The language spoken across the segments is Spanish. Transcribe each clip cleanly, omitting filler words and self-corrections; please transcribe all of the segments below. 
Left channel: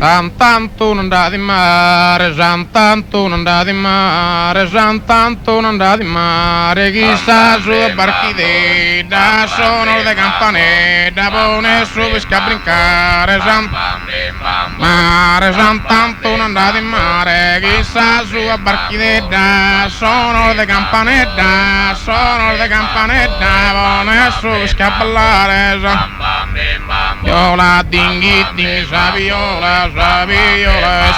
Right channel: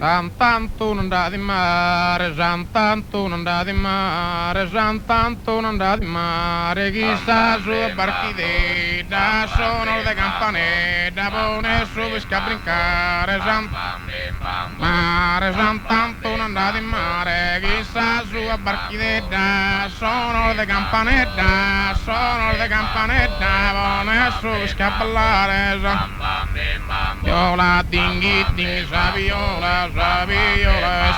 Santanto non da di mare, Santanto non da di mare, Santanto non da di mare, chissà su barchidetta, sono le campanette, pone su pesca a brincare, mare, Santanto non da di mare, chissà su barchidetta, sono le campanette, pone su pesca a ballare, viola, dinghi, dinghi, saviola,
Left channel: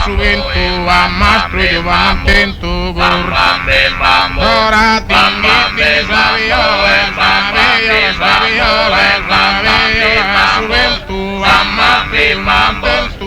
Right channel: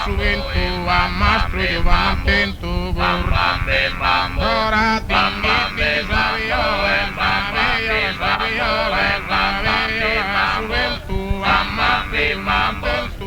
subentu, a mastro, io va non tento, ora, dinghi, dinghi, saviola, subentu, a mastro, io va non tento,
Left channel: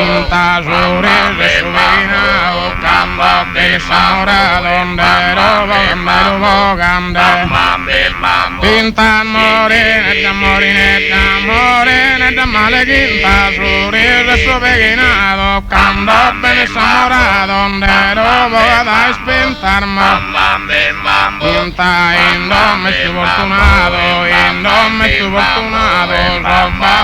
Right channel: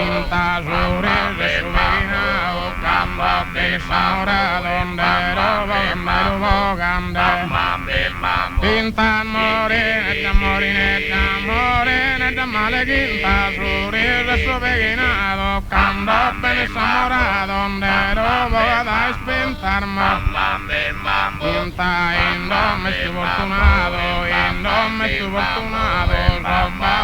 Pinta sobre su vena, campo que saura donde bogande. Pinta moreneta, malequinta sobre su vena, campo que saura donde bogadais pintar Pinta indome estoy fortunado, roba.